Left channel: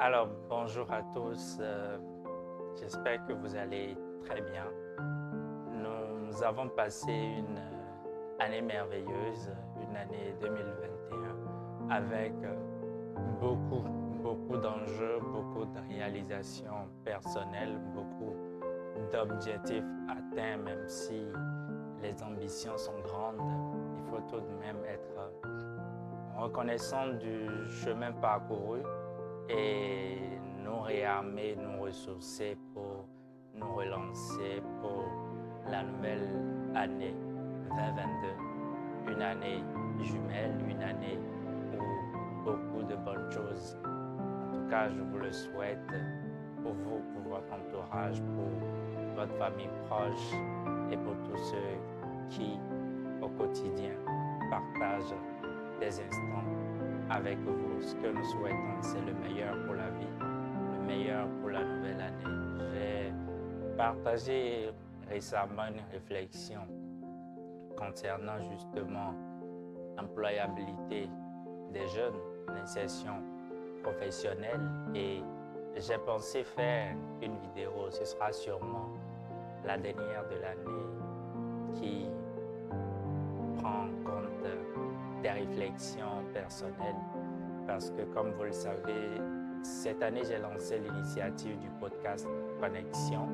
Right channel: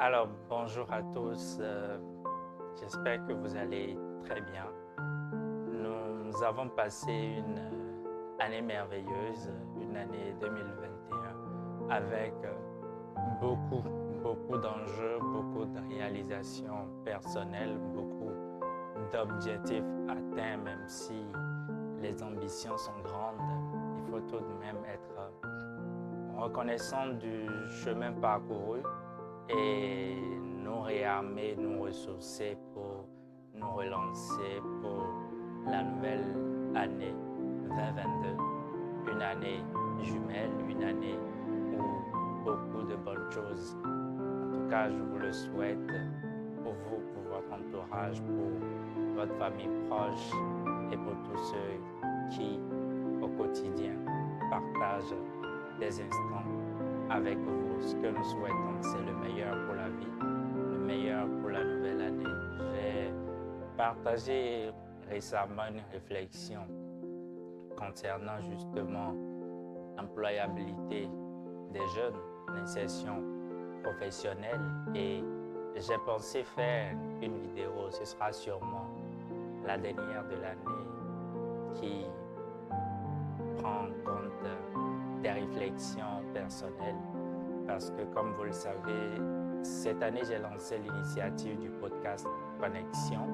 Alors, bonjour à tous. J'espère que vous allez très bien. Nous avons passé une année merveilleuse, une année 2021, avec beaucoup, beaucoup d'enjeux, beaucoup de réalisations personnelles, beaucoup d'objectifs atteints, même si les ambitions sont grandes. Il faut tout de même être reconnaissant du chemin parcouru et nous réarmer, nous ressourcer pour nous relancer pour la nouvelle année 2022. Une année jumelle, une année où beaucoup de bonnes choses. En tout cas, je vous le souhaite pour vous, pour votre entourage, pour votre famille proche et pour tous ceux qui, au quotidien, partagent des instants avec vous. Ce que nous souhaitons, c'est le meilleur pour la vie, le meilleur pour la nouvelle année. J'ai partagé récemment une réflexion concernant justement l'employabilité des jeunes, l'insertion professionnelle, et j'ai pensé faire une vidéo. Ce sera sûrement la dernière de l'année qui prend en compte des réflexions personnelles parce que, comme vous le savez, cette année, j'ai lancé l'initiative du podcast Connexion.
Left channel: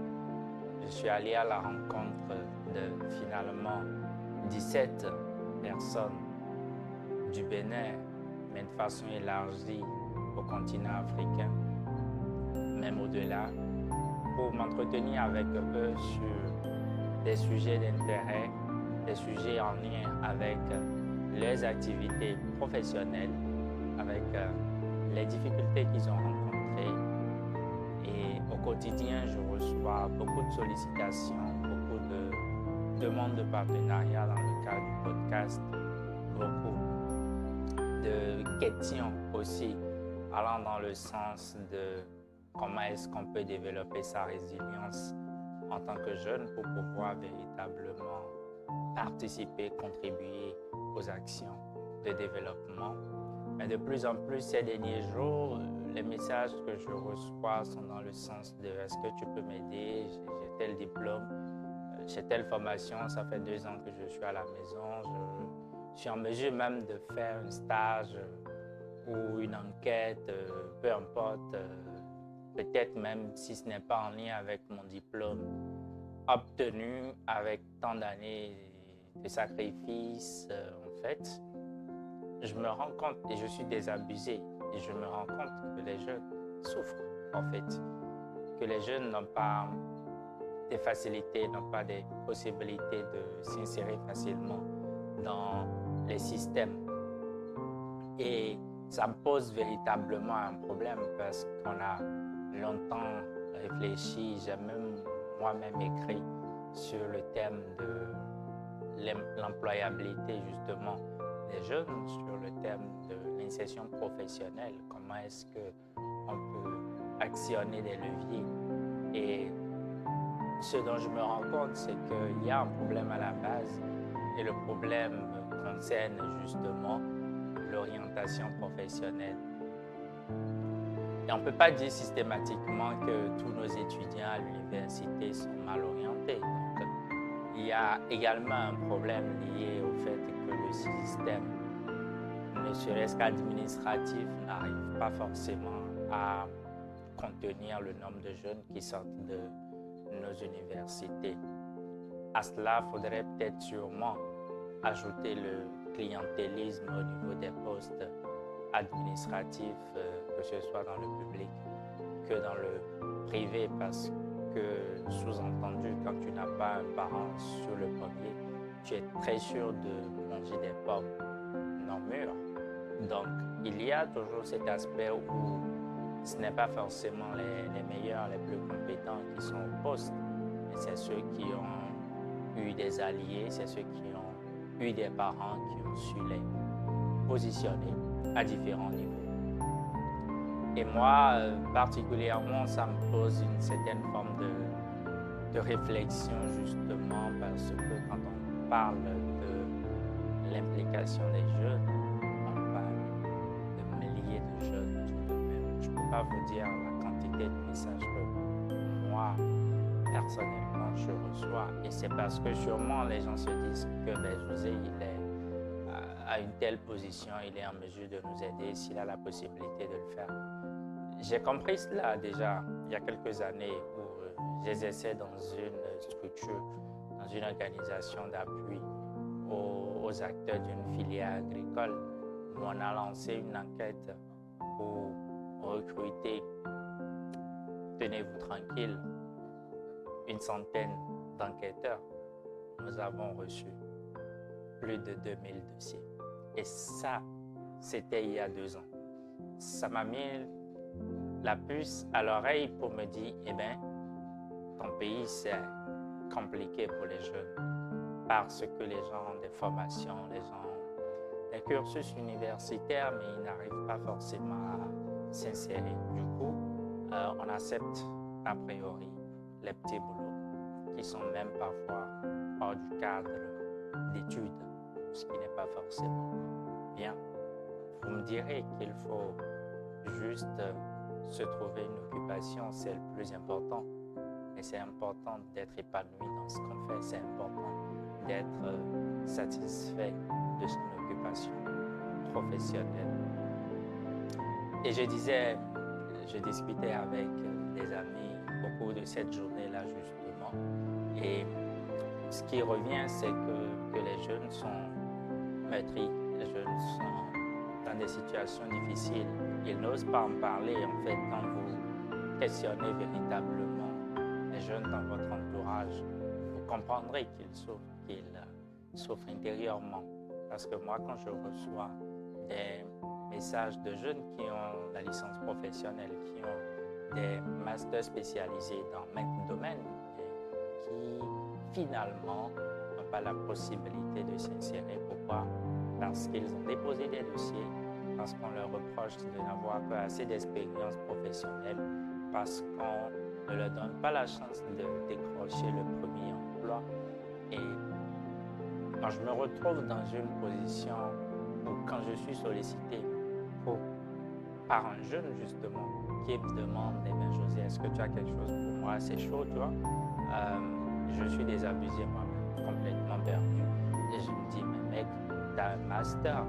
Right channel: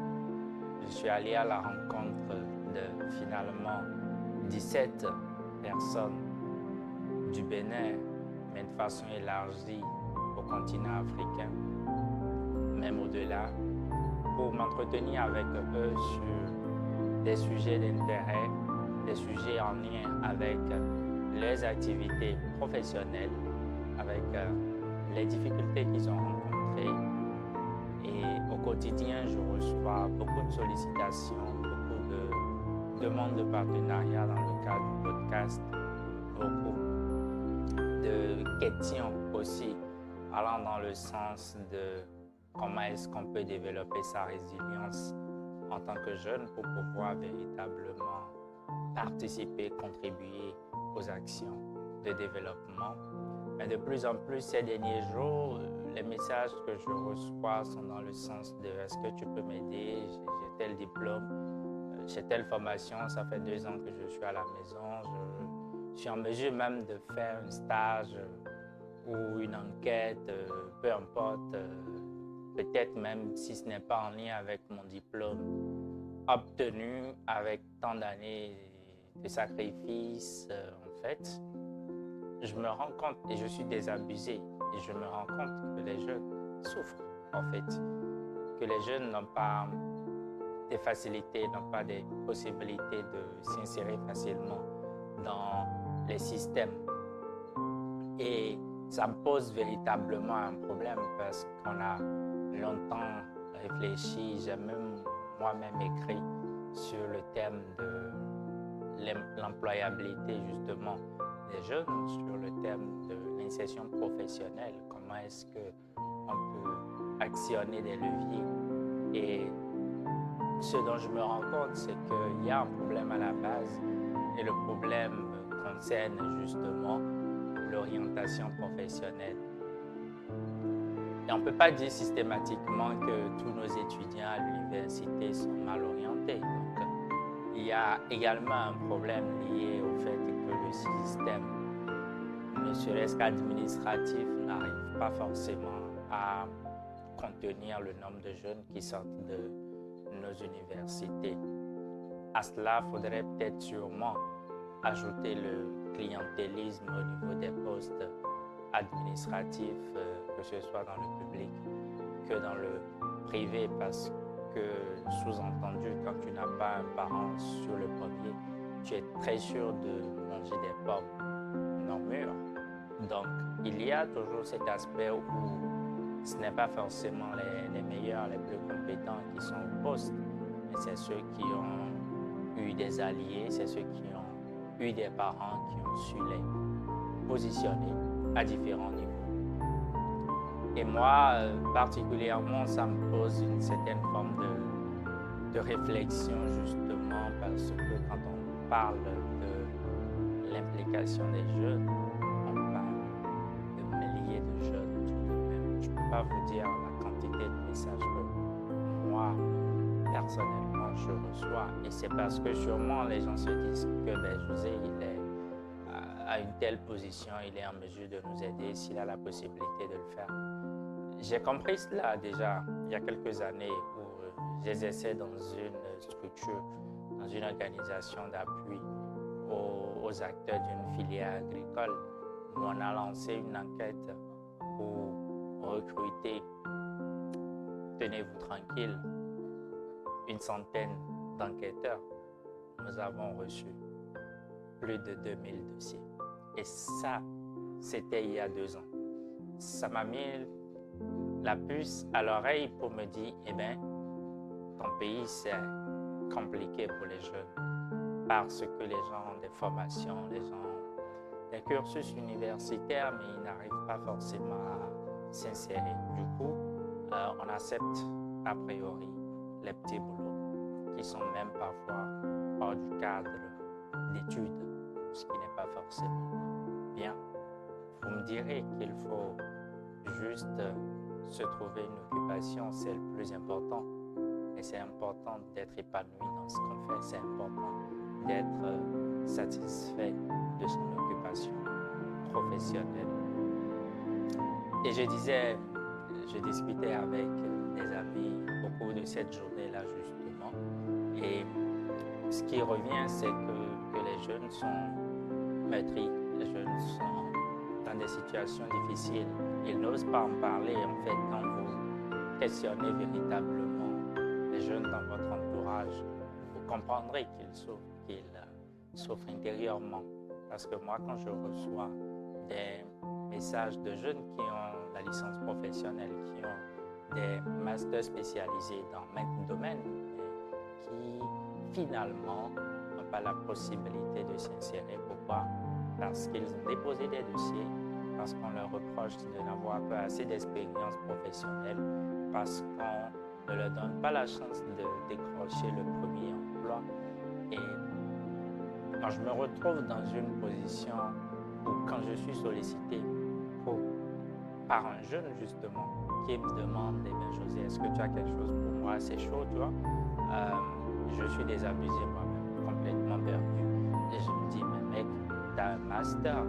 Je suis allé à la rencontre de finalement 17 personnes du Bénin, mais de façon élargie au continent africain, même au-delà, pour m'entretenir avec eux sur des sujets d'intérêt, des sujets en lien avec leurs activités professionnelles, avec les difficultés qu'ils ont rencontrées. Et au quotidien, je reçois beaucoup de sollicitations, beaucoup de demandes de partenariat dans le cadre du podcast, beaucoup de questions aussi allant dans le sens de comment est-ce qu'on peut développer sa résilience en tant que jeune pour pouvoir véritablement participer, contribuer aux actions de développement. Mais de plus en plus ces derniers jours, les messages que je reçois sont dans le sens de est-ce que tu peux m'aider, j'ai tel diplôme, j'ai telle formation, ça fait 2 ans que je suis à la maison, je suis en mesure même de faire un stage ou une enquête, peu importe, peut-être même si ce n'est pas en lien avec mon diplôme obtenu avec tant d'années de sacrifices, en fait, je me rends compte et je suis désabusé et je me rends compte que les jeunes souffrent, en fait, que les jeunes n'ont pas des facilités, n'ont pas des possibilités de s'insérer facilement dans les systèmes. Et ça me pose véritablement un problème parce qu'on a longtemps réfléchi, j'ai même moi-même écrit sur le thème de l'employabilité justement des jeunes, sur le thème de l'insertion professionnelle, comment est-ce qu'on peut actionner des leviers. Et ce dont je me rends compte, c'est qu'il y a un problème à la base et le problème concerne justement l'orientation professionnelle. Et on ne peut pas dire systématiquement que tous nos étudiants à l'université sont mal orientés. Donc, il y a également un problème lié au fait que le système, ne serait-ce qu'administratif, n'arrive pas forcément à contenir le nombre de jeunes qui sortent de nos universités. À cela, il faudrait peut-être sûrement ajouter le clientélisme au niveau des postes administratifs, que ce soit dans le public que dans le privé, parce que, sous-entendu, quand tu n'as pas un parent sur le premier, tu es très sûr de manger des pommes non mûres. Donc, il y a toujours cet aspect où ce n'est pas forcément les meilleurs, les plus compétents qui sont au poste, mais c'est ceux qui ont eu des alliés, c'est ceux qui ont eu des parents qui ont su les positionner à différents niveaux. Et moi, particulièrement, ça me pose une certaine forme de réflexion justement parce que quand on parle de l'implication des jeunes, on parle de milliers de jeunes tout de même je ne peux pas vous dire la quantité de messages que moi, personnellement, je reçois. Et c'est parce que sûrement les gens se disent que José, il est à une telle position, il est en mesure de nous aider s'il a la possibilité de le faire. J'ai compris cela déjà il y a quelques années où j'exerçais dans une structure, dans une organisation d'appui aux acteurs d'une filière agricole où on a lancé une enquête pour recruter, tenez-vous tranquille, une centaine d'enquêteurs. Nous avons reçu plus de 2000 dossiers. Et ça, c'était il y a 2 ans. Ça m'a mis la puce à l'oreille pour me dire, eh bien, ton pays, c'est compliqué pour les jeunes parce que les gens ont des formations, les gens ont des cursus universitaires, mais ils n'arrivent pas forcément à s'insérer. Du coup, on accepte a priori les petits boulots qui sont même parfois hors du cadre d'études, ce qui n'est pas forcément bien. Vous me direz qu'il faut juste se trouver une occupation, c'est le plus important. Et c'est important d'être épanoui dans ce qu'on fait, c'est important d'être satisfait de son occupation professionnelle. Et je discutais avec des amis au cours de cette journée-là justement. Et ce qui revient, c'est que les jeunes sont meurtris, les jeunes sont dans des situations difficiles. Ils n'osent pas en parler. En fait, quand vous questionnez véritablement les jeunes dans votre entourage, vous comprendrez qu'ils souffrent intérieurement. Parce que moi, quand je reçois des messages de jeunes qui ont la licence professionnelle, qui ont des masters spécialisés dans maintes domaines, et qui finalement n'ont pas la possibilité de s'insérer. Pourquoi? Parce qu'ils ont déposé des dossiers, parce qu'on leur reproche de n'avoir pas assez d'expérience professionnelle, parce qu'on ne leur donne pas la chance de décrocher le premier emploi. Et quand je me retrouve dans une position où quand je suis sollicité par un jeune justement qui me demande, eh bien, José, est-ce que tu as quelque chose pour moi? C'est chaud, tu vois. Je suis désabusé moi-même, complètement perdu. Et je me dis, mais mec, t'as un master.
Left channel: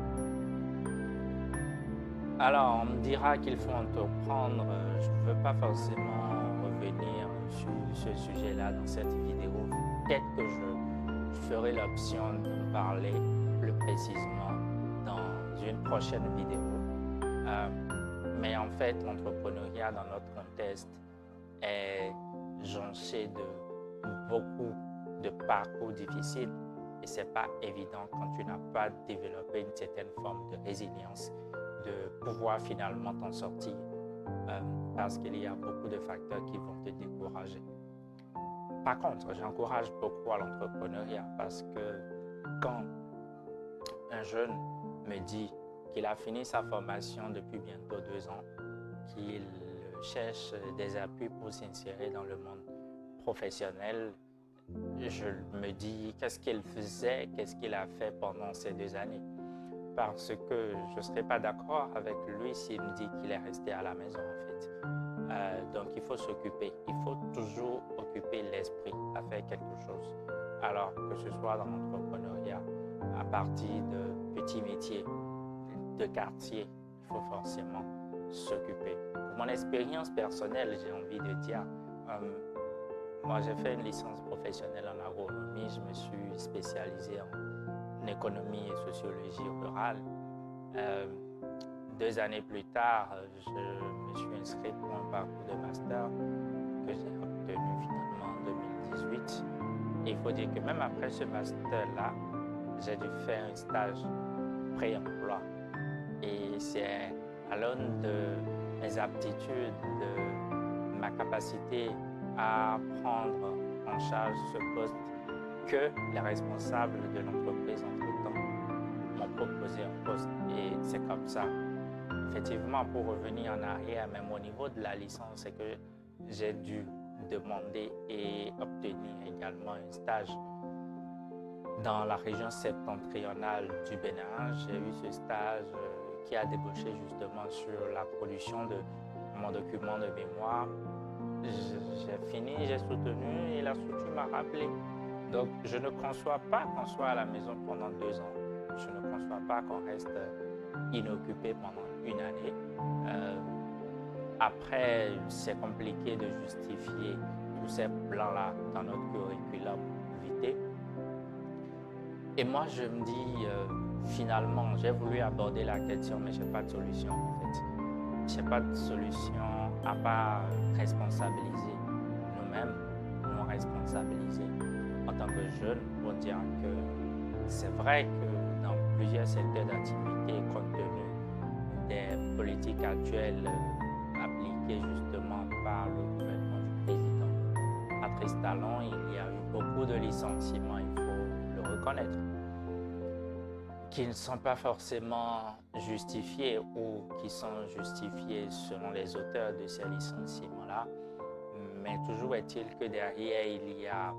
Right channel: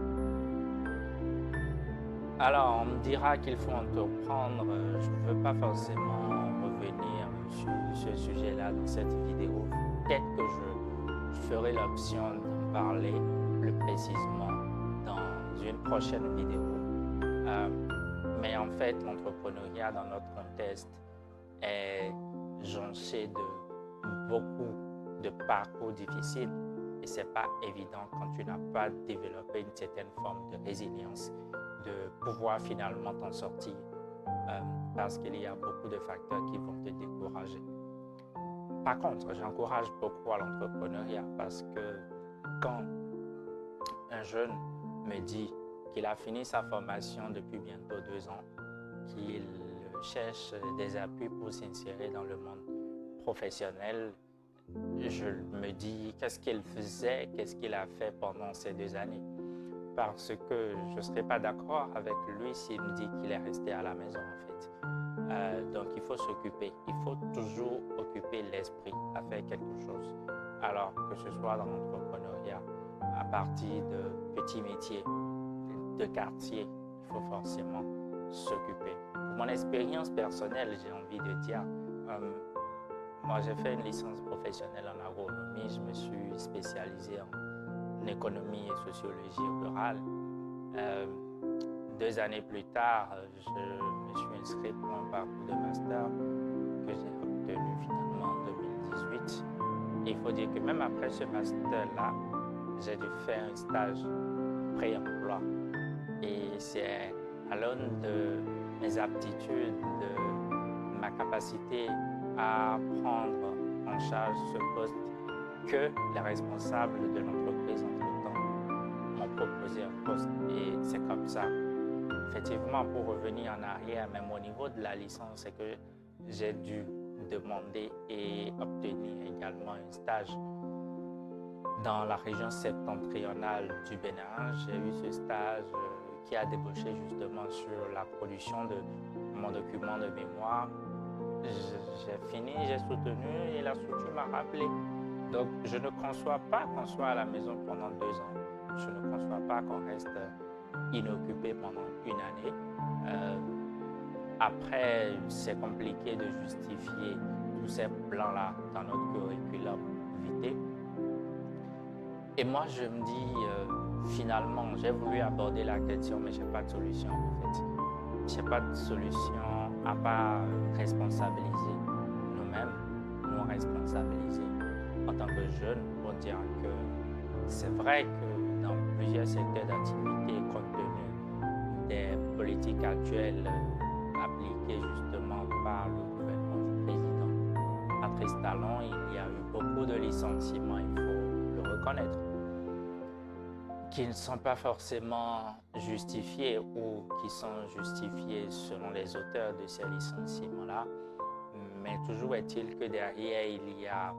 Alors, on me dira qu'il faut entreprendre. Je ne veux pas forcément revenir sur ce sujet-là dans cette vidéo. Peut-être que je ferai l'option d'en parler plus précisément dans une prochaine vidéo. Mais en fait, l'entrepreneuriat dans notre contexte est jonché de beaucoup de parcours difficiles. Et ce n'est pas évident quand tu n'as pas développé une certaine forme de résilience de pouvoir finalement t'en sortir parce qu'il y a beaucoup de facteurs qui vont te décourager. Par contre, j'encourage beaucoup à l'entrepreneuriat parce que quand un jeune me dit qu'il a fini sa formation depuis bientôt 2 ans, qu'il cherche des appuis pour s'insérer dans le monde professionnel, je me dis qu'est-ce qu'il faisait, qu'est-ce qu'il a fait pendant ces 2 années. Parce que je ne serais pas d'accord avec lui s'il me dit qu'il est resté à la maison en fait. Donc il faut s'occuper, il faut toujours occuper l'esprit à faire quelque chose. Alors que ce soit dans l'entrepreneuriat, à partir de petits métiers, de quartier, il faut forcément s'occuper. Pour mon expérience personnelle, j'ai envie de dire, moi j'ai fait une licence professionnelle en agronomie, je me suis spécialisé en économie et sociologie rurale. 2 années plus tard, je me suis inscrit pour un parcours de master que j'ai obtenu finalement en 2018. Et il faut dire que même après ce master-là, j'ai dû faire un stage pré-emploi. Et c'est à l'aune de mes aptitudes, de ma capacité à prendre en charge ce poste que les responsables de l'entreprise entre-temps m'ont proposé un poste. Et c'est comme ça. Effectivement, pour revenir en arrière, même au niveau de la licence, c'est que j'ai dû demander et obtenir également un stage dans la région septentrionale du Bénin. J'ai eu ce stage qui a débouché justement sur la production de mon document de mémoire. J'ai fini, j'ai soutenu et la structure m'a rappelé. Donc, je ne conçois pas qu'on soit à la maison pendant 2 ans. Je ne conçois pas qu'on reste inoccupé pendant une année. Après, c'est compliqué de justifier tous ces plans-là dans notre curriculum vitae. Et moi, je me dis, finalement, j'ai voulu aborder la question, mais je n'ai pas de solution en fait. Je n'ai pas de solution à part responsabiliser nous-mêmes, nous responsabiliser en tant que jeunes pour dire que c'est vrai que dans plusieurs secteurs d'activité, compte tenu des politiques actuelles appliquées justement par le gouvernement du président Patrice Talon, il y a eu beaucoup de licenciements, il faut le reconnaître, qui ne sont pas forcément justifiés ou qui sont justifiés selon les auteurs de ces licenciements-là. Mais toujours est-il que derrière, il y a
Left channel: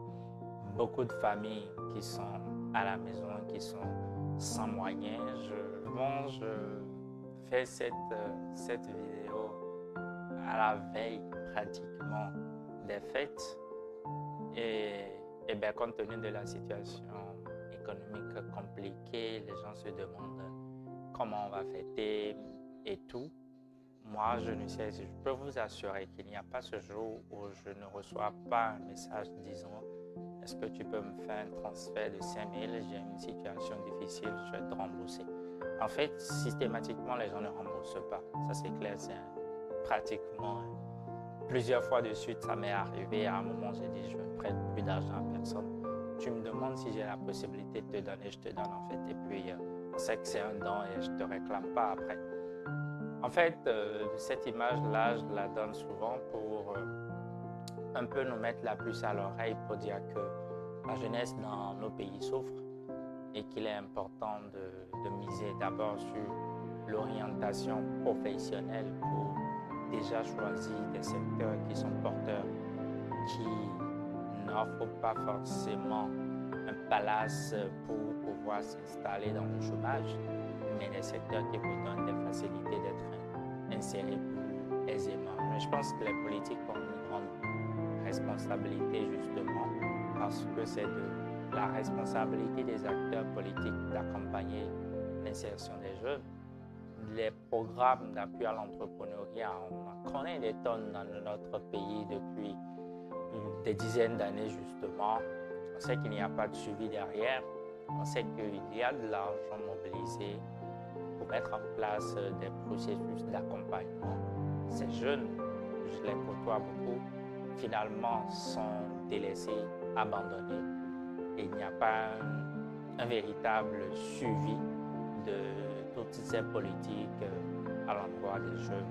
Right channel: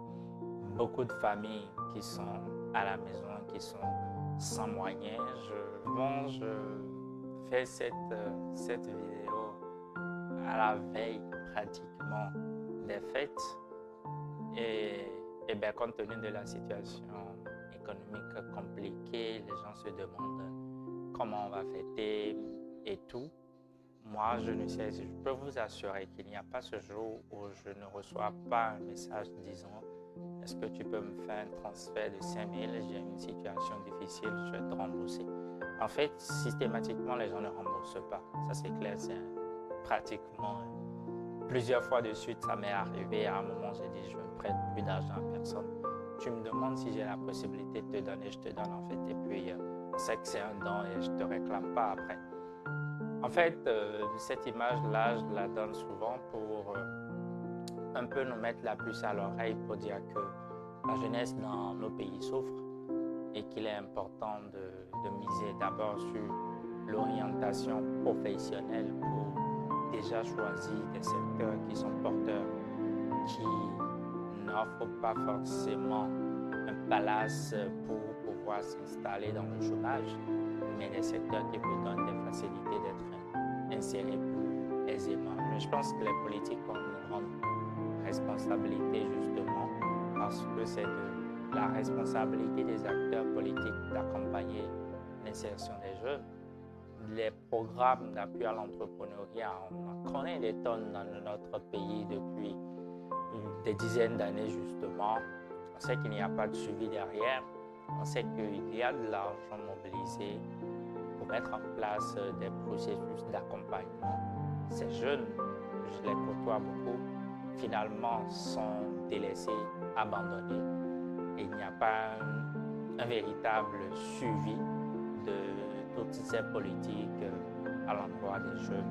beaucoup de familles qui sont à la maison, qui sont sans moyens. Je fais cette vidéo à la veille pratiquement des fêtes. Et bien, compte tenu de la situation économique compliquée, les gens se demandent comment on va fêter et tout. Moi, je peux vous assurer qu'il n'y a pas ce jour où je ne reçois pas un message disant « Est-ce que tu peux me faire un transfert de 5 000? J'ai une situation difficile, je vais te rembourser. » En fait, systématiquement, les gens ne remboursent pas. Ça, c'est clair, c'est pratiquement plusieurs fois de suite, ça m'est arrivé. À un moment, j'ai dit « Je ne prête plus d'argent à personne. Tu me demandes si j'ai la possibilité de te donner, je te donne en fait. Et puis, on sait que c'est un don et je ne te réclame pas après. » En fait, cette image-là, je la donne souvent pour un peu nous mettre la puce à l'oreille pour dire que la jeunesse dans nos pays souffre et qu'il est important de miser d'abord sur l'orientation professionnelle pour déjà choisir des secteurs qui sont porteurs, qui n'offrent pas forcément un palace pour pouvoir s'installer dans le chômage, mais des secteurs qui vous donnent des facilités d'être insérés plus aisément. Mais je pense que les politiques ont une grande responsabilité justement parce que c'est de la responsabilité des acteurs politiques d'accompagner l'insertion des jeunes. Les programmes d'appui à l'entrepreneuriat, on en connaît des tonnes dans notre pays depuis des dizaines d'années justement. On sait qu'il n'y a pas de suivi derrière. On sait qu'il y a de l'argent mobilisé pour mettre en place des processus d'accompagnement. Ces jeunes, je les côtoie beaucoup, finalement sont délaissés, abandonnés. Et il n'y a pas un véritable suivi de toutes ces politiques à l'endroit des jeunes.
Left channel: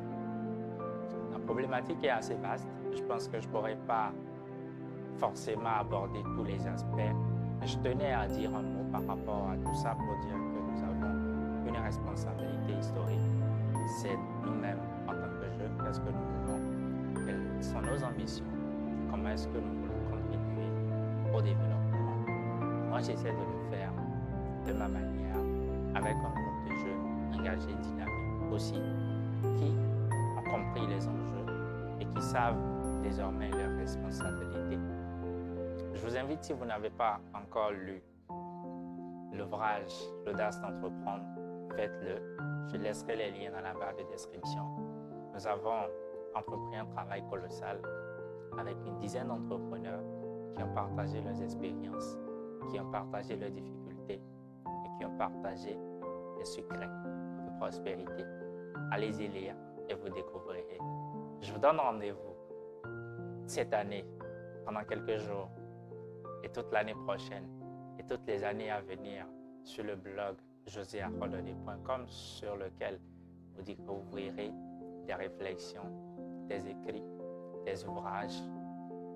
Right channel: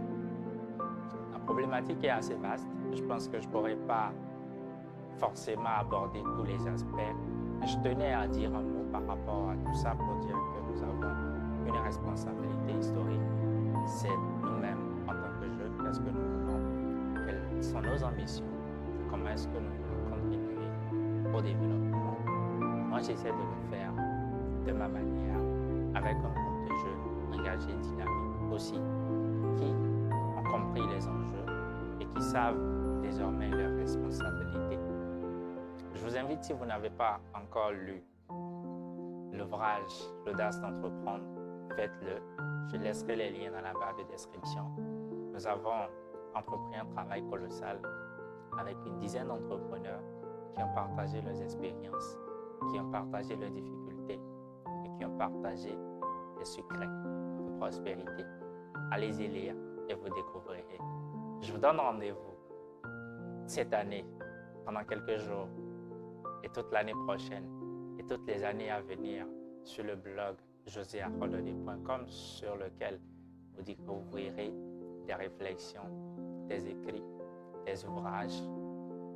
La problématique est assez vaste. Je pense que je ne pourrais pas forcément aborder tous les aspects. Je tenais à dire un mot par rapport à tout ça pour dire que nous avons une responsabilité historique. C'est nous-mêmes en tant que jeunes, qu'est-ce que nous voulons, quelles sont nos ambitions, comment est-ce que nous voulons contribuer au développement. Moi, j'essaie de le faire de ma manière, avec un groupe de jeunes engagés, dynamiques aussi, qui ont compris les enjeux et qui savent désormais leurs responsabilités. Je vous invite, si vous n'avez pas encore lu l'ouvrage L'audace d'entreprendre, faites-le. Je laisserai les liens dans la barre de description. Nous avons entrepris un travail colossal avec une dizaine d'entrepreneurs qui ont partagé leurs expériences, qui ont partagé leurs difficultés et qui ont partagé les secrets de prospérité. Allez-y lire et vous découvrirez. Je vous donne rendez-vous cette année, pendant quelques jours, et toute l'année prochaine, et toutes les années à venir, sur le blog joséarolodé.com, sur lequel vous découvrirez des réflexions, des écrits, des ouvrages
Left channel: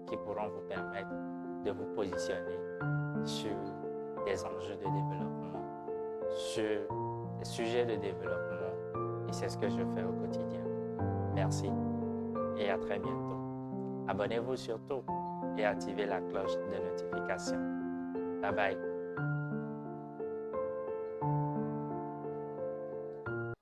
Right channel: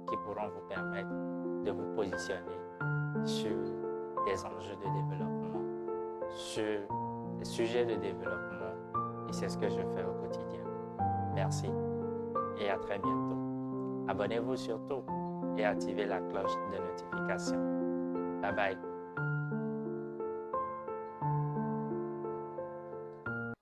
qui pourront vous permettre de vous positionner sur des enjeux de développement, sur des sujets de développement. Et c'est ce que je fais au quotidien. Merci et à très bientôt. Abonnez-vous surtout et activez la cloche de notification. Bye bye.